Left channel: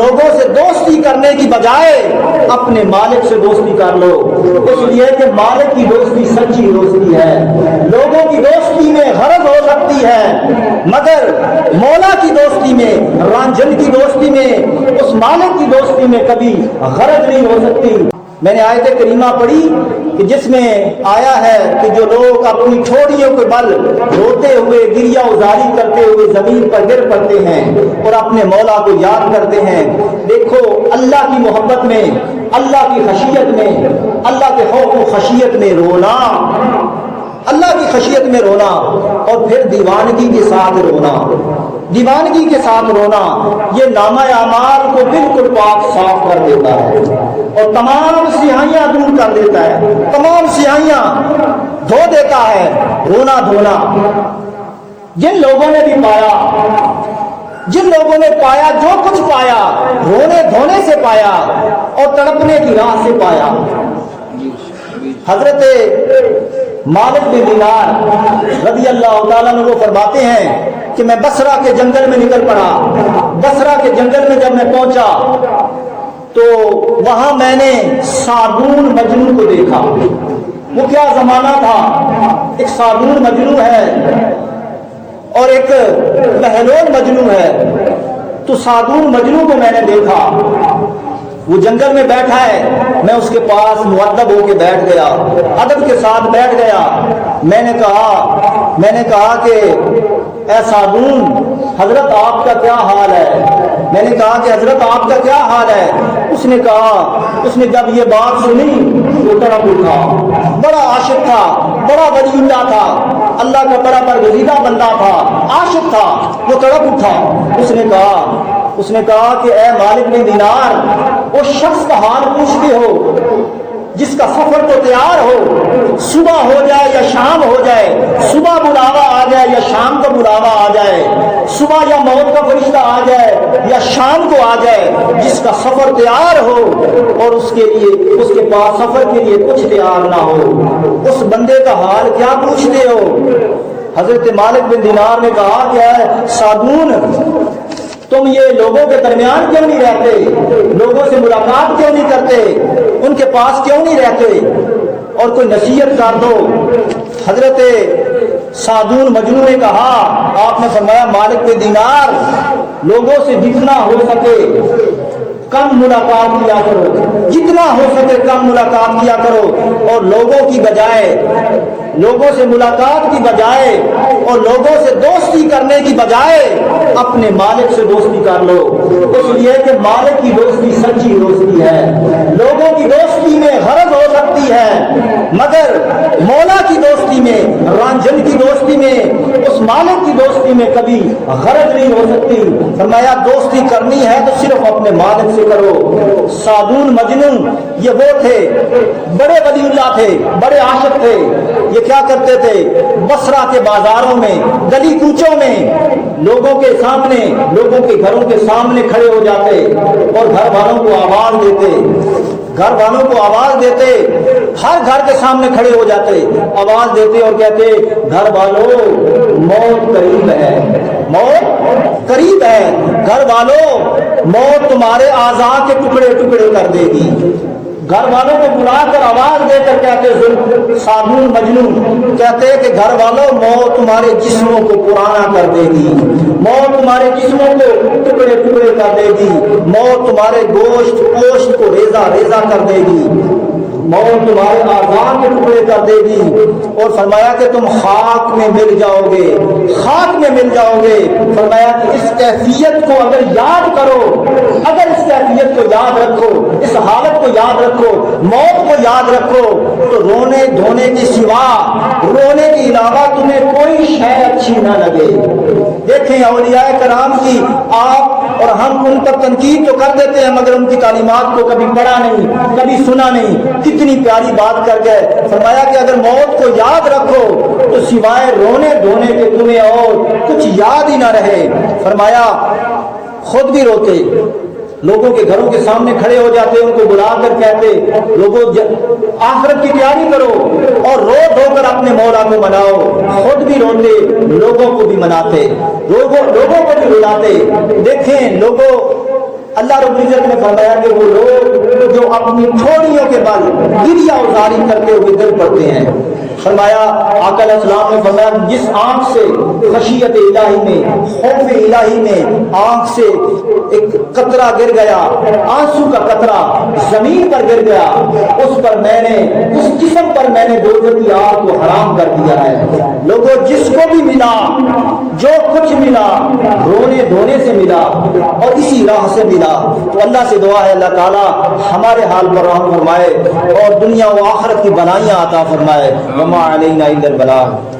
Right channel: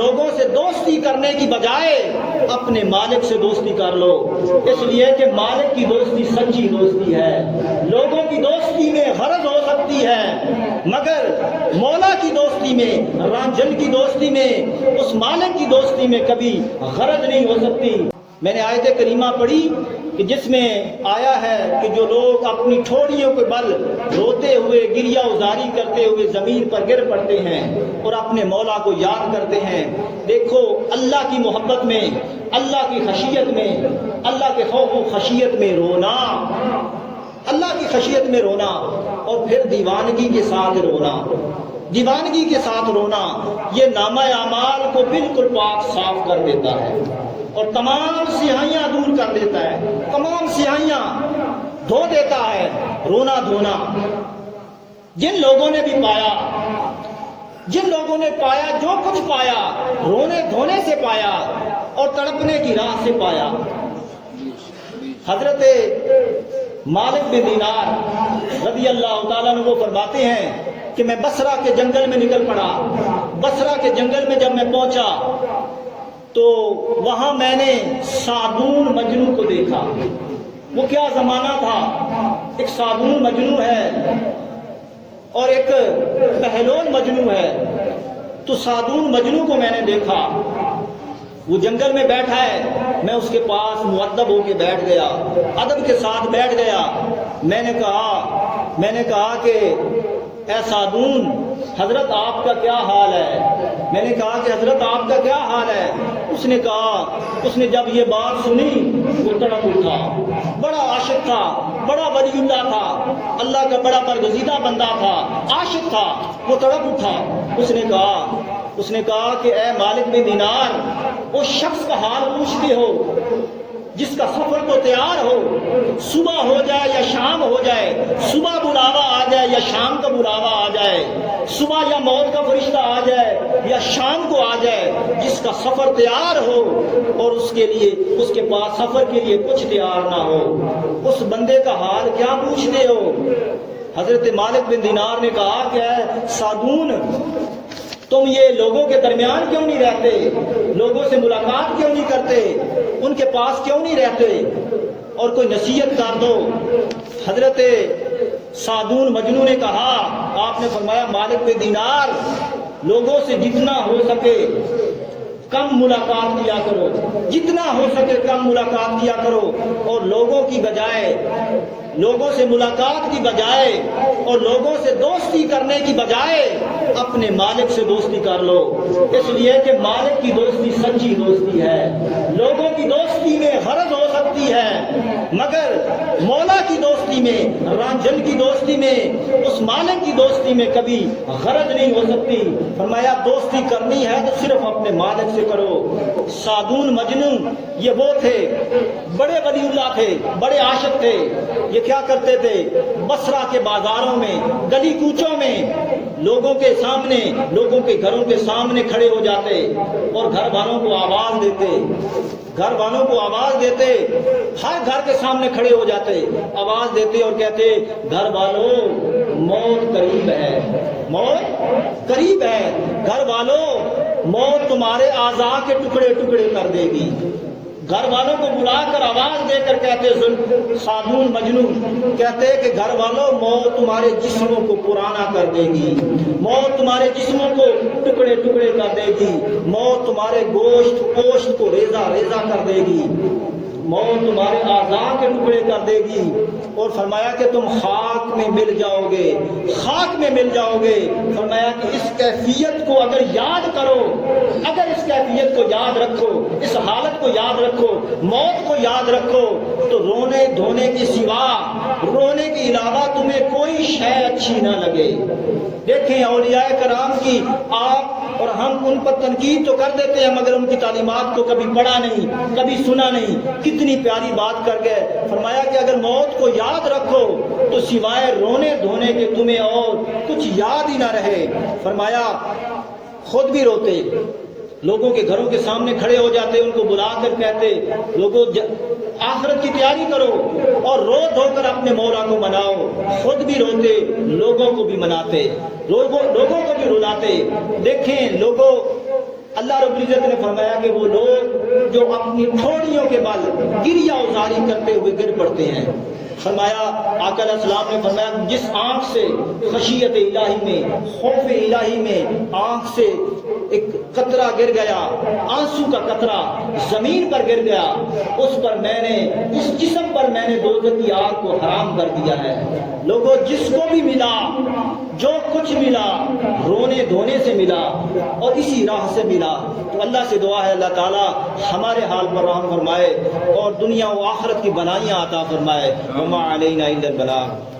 لوگوں سے دوستی کرنے کی بجائے اپنے مالک سے دوستی کر لو، اس لیے کہ مالک کی دوستی سچی دوستی ہے۔ لوگوں کی دوستی میں غرض ہو سکتی ہے، مگر مولا کی دوستی میں، رانجھن کی دوستی میں، اس مالک کی دوستی میں کبھی غرض نہیں ہو سکتی۔ میں نے آیت کریمہ پڑھی کہ جس میں آیا ہے کہ جو لوگ اپنی ٹھوڑیوں کے بل روتے ہوئے گریہ ازاری کرتے ہوئے زمین پر گر پڑتے ہیں اور اپنے مولا کو یاد کرتے ہیں، دیکھو اللہ کی محبت میں، اللہ کی خشیت میں، اللہ کے خوف و خشیت میں رونا، اللہ کی خشیت میں رونا، اور پھر دیوانگی کے ساتھ رونا، دیوانگی کے ساتھ رونا، یہ نامہ اعمال کو بالکل پاک صاف کر دیتا ہے اور تمام سیاہیاں دور کر دیتا ہے، تمام سیاہیاں دھو دیتا ہے۔ رونا دھونا جن لوگوں نے بھی پایا، جن لوگوں نے پایا جو کچھ پایا، رونے دھونے سے پایا اور تڑپنے کی راہ سے پایا۔ حضرت مالک بن دینار رضی اللہ تعالیٰ عنہ فرماتے ہیں کہ میں بصرہ کے جنگل میں نکل پڑا۔ بصرہ کے جنگل میں جب میں پہنچا تو وہاں میں نے صابون مجنون کو دیکھا۔ وہ کیا زمانہ تھا، ایک صابون مجنون ہے اور ایک بہلول مجنون ہے۔ تو صابون مجنون کو میں نے دیکھا، وہ جنگل میں بیٹھا ہے، میں اس کے پاس مؤدب ہو کے بیٹھ گیا، ادب کے ساتھ بیٹھ گیا۔ میں نے کہا کہ اے صابون، حضرت آپ کا کیا حال ہے؟ میں نے کہا کہ حضرت آپ کا کیا حال ہے؟ اس نے جب یہ بات سنی تو تڑپ اٹھا۔ بڑا عاشق تھا، بڑا ولی اللہ تھا، اللہ کا بڑا برگزیدہ بندہ تھا، عاشق تھا، وہ تڑپ اٹھا۔ اس نے کہا کہ اے مالک بن دینار، اس شخص کا حال پوچھتے ہو جس کا سفر تو تیار ہو، صبح ہو جائے یا شام ہو جائے، صبح بلاوا آ جائے یا شام کو بلاوا آ جائے، صبح یا موت کا فرشتہ آ جائے یا شام کو آ جائے، جس کا سفر تیار ہو اور اس کے پاس سفر کے لیے کچھ تیار نہ ہو، اس بندے کا حال کیا پوچھتے ہو؟ حضرت مالک بن دینار نے کہا کہ اے صابون، تم یہ لوگوں کے درمیان کیوں نہیں رہتے، لوگوں سے ملاقات کیوں نہیں کرتے، ان کے پاس کیوں نہیں رہتے اور کوئی نصیحت کر دو۔ حضرت صابون مجنون نے کہا، آپ نے فرمایا مالک بن دینار، لوگوں سے جتنا ہو سکے کم ملاقات کیا کرو، جتنا ہو سکے کم ملاقات کیا کرو، اور لوگوں سے ملاقات کی بجائے اور لوگوں سے دوستی کرنے کی بجائے اپنے مالک سے دوستی کر لو، اس لیے کہ مالک کی دوستی سچی دوستی ہے۔ لوگوں کی دوستی میں غرض ہو سکتی ہے، مگر مولا کی دوستی میں، رانجھن کی دوستی میں، اس مالک کی دوستی میں کبھی غرض نہیں ہو سکتی۔ فرمایا دوستی کرنی ہے تو صرف اپنے مالک سے کرو۔ صابون مجنون یہ وہ تھے، بڑے ولی اللہ تھے، بڑے عاشق تھے۔ یہ کیا کرتے تھے؟ بصرہ کے بازاروں میں، گلی کوچوں میں لوگوں کے سامنے، لوگوں کے گھروں کے سامنے کھڑے ہو جاتے اور گھر والوں کو آواز دیتے، ہر گھر کے سامنے کھڑے ہو جاتے، آواز دیتے اور کہتے، گھر والوں موت قریب ہے، موت قریب ہے، گھر والوں موت تمہارے اعضاء کے ٹکڑے ٹکڑے کر دے گی۔ گھر والوں کو بلا کر آواز دے کر کہتے، صابون مجنون کہتے کہ گھر والوں موت تمہارے جسموں کو پرانا کر دے گی، موت تمہارے جسموں کو ٹکڑے ٹکڑے کر دے گی، موت تمہارے گوشت پوشت کو ریزہ ریزہ کر دے گی، موت تمہارے اعضاء کے ٹکڑے کر دے گی، اور فرمایا کہ تم خاک میں مل جاؤ گے، خاک میں مل جاؤ گے۔ فرمایا کہ اس کیفیت کو اگر یاد کرو، اگر اس کیفیت کو یاد رکھو، اس حالت کو یاد رکھو، موت کو یاد رکھو، تو رونے دھونے کے سوا، رونے کے علاوہ تمہیں کوئی شے اچھی نہ لگے۔ دیکھیں اولیاء کرام کی، آپ اور ہم ان پر تنقید تو کر دیتے ہیں مگر ان کی تعلیمات کو کبھی پڑھا نہیں، کبھی سنا نہیں، کتنی پیاری بات کر گئے۔ فرمایا کہ اگر موت کو یاد رکھو تو سوائے رونے دھونے کے تمہیں اور کچھ یاد ہی نہ رہے۔ فرمایا خود بھی روتے، لوگوں کے گھروں کے سامنے کھڑے ہو جاتے، ان کو بلا کر کہتے، لوگوں آخرت کی تیاری کرو اور رو دھو کر اپنے مولا کو مناؤ۔ خود بھی روتے، لوگوں کو بھی مناتے، لوگوں کو بھی رلاتے۔ دیکھیں اللہ رب العزت نے فرمایا کہ وہ لوگ جو اپنی ٹھوڑیوں کے بل گریہ ازاری کرتے ہوئے گر پڑتے ہیں، فرمایا آقا علیہ السلام نے فرمایا جس آنکھ سے خشیت الہی میں، خوف الہی میں آنکھ سے ایک قطرہ گر گیا، آنسو کا قطرہ زمین پر گر گیا، اس پر میں نے، اس جسم پر میں نے دوزخ کی آگ کو حرام کر دیا ہے۔ لوگوں جس کو بھی ملا، جو کچھ ملا، رونے دھونے سے ملا اور اسی راہ سے ملا، تو اللہ سے دعا ہے اللہ تعالیٰ ہمارے حال پر رحم فرمائے اور دنیا و آخرت کی بھلائیاں عطا فرمائے۔ وما علینا الا البلاغ۔